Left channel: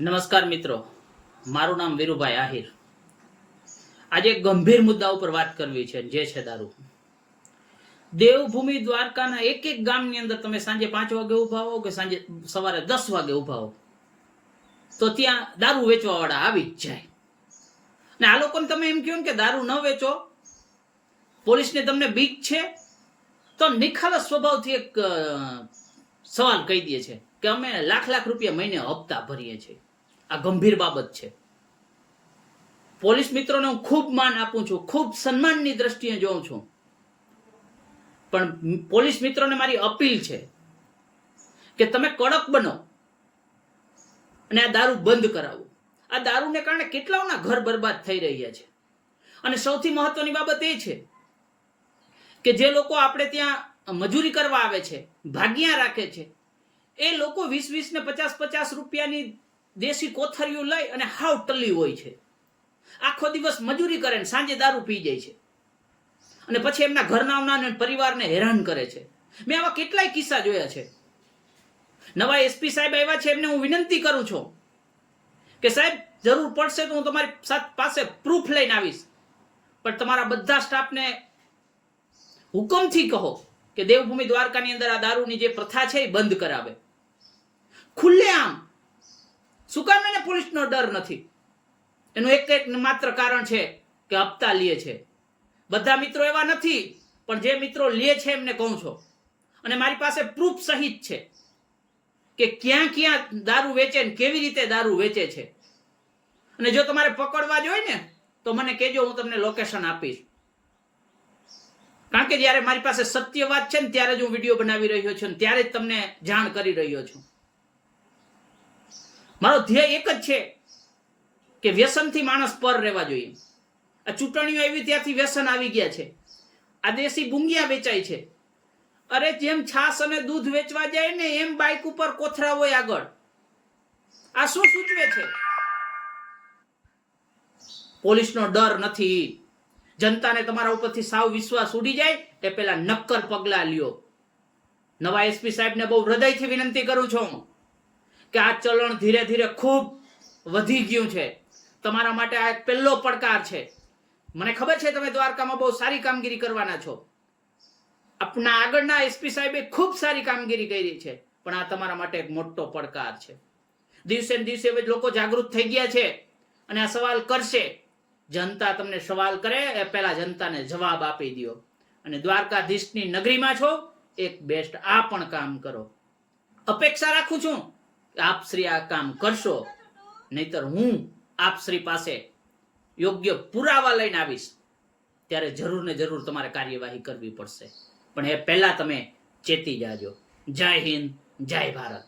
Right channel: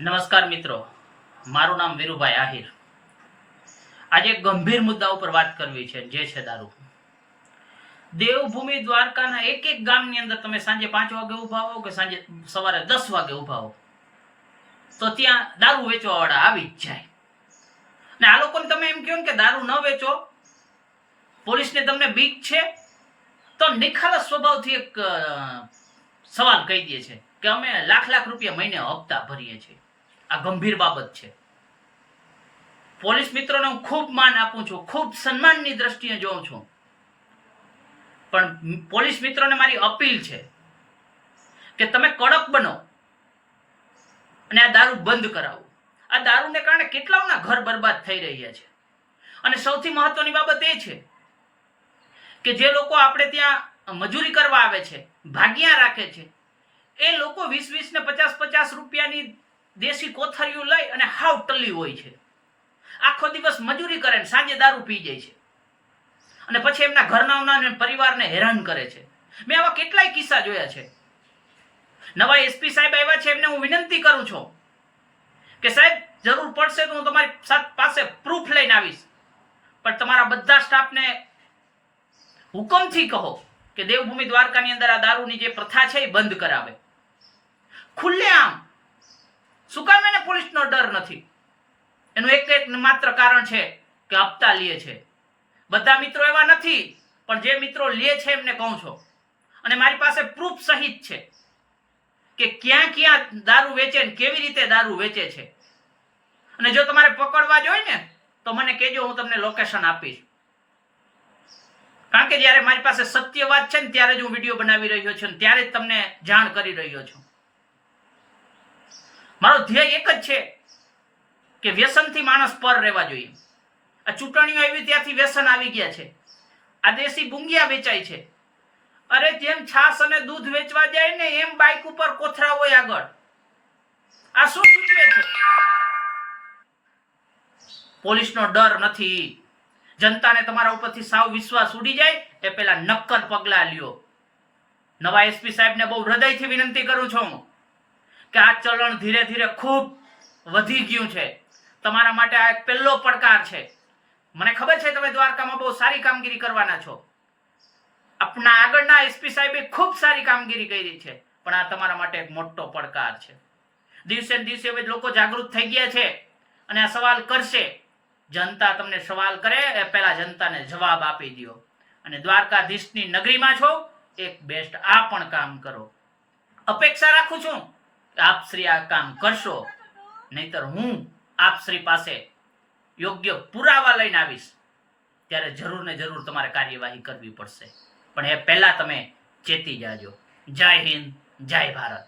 નમસ્કાર મિત્રો, મારું નામ વીરુભાઈ આહિર. આજે એક ગંભીર મુદ્દા ઉપર વાત કરવી છે, જે છે દારૂ. દેવભૂમિ દ્વારકાના એક એક ગામની અંદર તમે સાંજે 5 વાગે ઉભા હો કે સાંજે સવારે 10 વાગે ઉભા હો, તો ત્યાં દારૂ વેચવા વાળા આવી જ જાય. ને આ લોકોને તમે એમ કહો કે દારૂ ન વેચો, પોલીસને તમને બીક છે, તો નિખાલસ સ્વભાવથી એક સવાલ કહી દે છે કે અમે લાખ રૂપિયા મહિને હપ્તા ભરીએ છીએ. આ ગંભીર બાબત છે. પોલીસ મિત્રોને હું ખૂબ માન આપું છું, ખૂબ સન્માનની દ્રષ્ટિએ જોઉં છું, પણ પોલીસ મિત્રોને મારી અપીલ છે કે તમે કડક બનો અને આ દારૂ બંધ કરાવો. આ દારૂને કારણે કેટલાઓના ઘર બરબાદ થઈ રહ્યા છે. અને સૌથી મહત્વની બાબત એ છે કે જે લોકો આપણે ત્યાં મજૂરી કરવા આવે છે, ભાગ્યા રાખે છે, એ લોકો 20 ને 50 રૂપિયાની દેશી કોથળીઓ લઈ અને હાવ ટલ્લી હોય છે. આખો દિવસ મજૂરી કરે ને સાંજે દારૂ પી જાય છે અને પછી એમના ઘરના અને પરિવારને હેરાન કરે છે. મેં આવા કેટલાય કિસ્સા જોયા છે. નવા એસપી સાહેબ આવ્યા છે, એમને હું વિનંતી કરું છું કે સાહેબ જરૂર પડશે તો હું તમારી પાસે પ્રૂફ લઈને આવીશ, પણ તમારા બધા સ્ટાફને હુકમથી કહો કે દેવભૂમિ દ્વારકાની અંદર આ દારૂની જે પ્રથા છે એ બંધ કરાવે. ખુલ્લેઆમ. શું કામ એને પોલીસનો ડર નથી? એનું એક માત્ર કારણ છે કે હપ્તા લે છે. બધા મિત્રો એવા નથી, પણ જે મિત્રો લે છે એમને કહું છું, અને મારી પાસે પ્રૂફ સહિત છે કે ક્યાં ક્યાં દારૂ વેચે ને કેવી રીતે દારૂ વેચે છે. અને જો તમારે પકડવા જ હોય ને તો મને કહેજો, હું તમને લોકેશન આપીશ. કારણ કે જ્યારે મારી પાસે સત્ય વાત છે ને ત્યારે જ હું વિડીયો બનાવી રહ્યો છું, ત્યારે જ તમને જાણ કરી રહ્યો છું. મારો ધ્યેય એક જ છે કે વ્યસનથી માણસ પર રહેવા જોઈએ. આ ચૂંટણીઓ આવી ત્યાંથી વ્યસન આવી ગયા છે. આ દેશી બુંગિયા વેચાય છે. અરે જેમ છાસ અને દૂધ વેચવા જાય ને એમ બાઇક ઉપર કોથળા હોય આગળ. આ શું સૂચવે છે? પોલીસનો ડર નથી. જનતાને તમારા ઉપરથી સાવ વિશ્વાસ ઉડી જાય એ પહેલા નક્કર પગલા લ્યો. નવા એસપી સાહેબને બહુ હૃદયથી વિનંતી કરું છું કે આ ચલણ ધીરે ધીરે ખૂબ વધી ગયું છે. તમારા માટે આ એક પહેલો પડકાર છે. મને ખબર છે તમે દ્વારકામાં બહુ સારી કામગીરી કરવાના છો. આપણા આગળના એસપી સાહેબે ખૂબ સારી કામગીરી કરી છે, પણ આ તમારા માટે એક મોટો પડકાર છે. દિવસે ને દિવસે હવે લોકો જાગૃત થઈ ગયા છે અને આ સવાલ કરશે. જનતા તમને સવાલ કરે એ પહેલા જનતાને જવાબ આપી દો. અને દ્વારકાધીશની નગરીમાં છો, એક બેસ્ટ આ પણ કામ કરો. અપેક્ષા રાખું છું કે આપ શ્રી આ કામ કરશો, નહીતર હું આપ શ્રી પાસે યોગ્ય પુરાવા લઈને આવીશ. ત્યારે જરૂર ને જરૂર તમારે કાર્યવાહી કરવી પડશે, પણ એ પહેલા તમે ચેતી જાજો. જય હિન્દ, જય ભારત.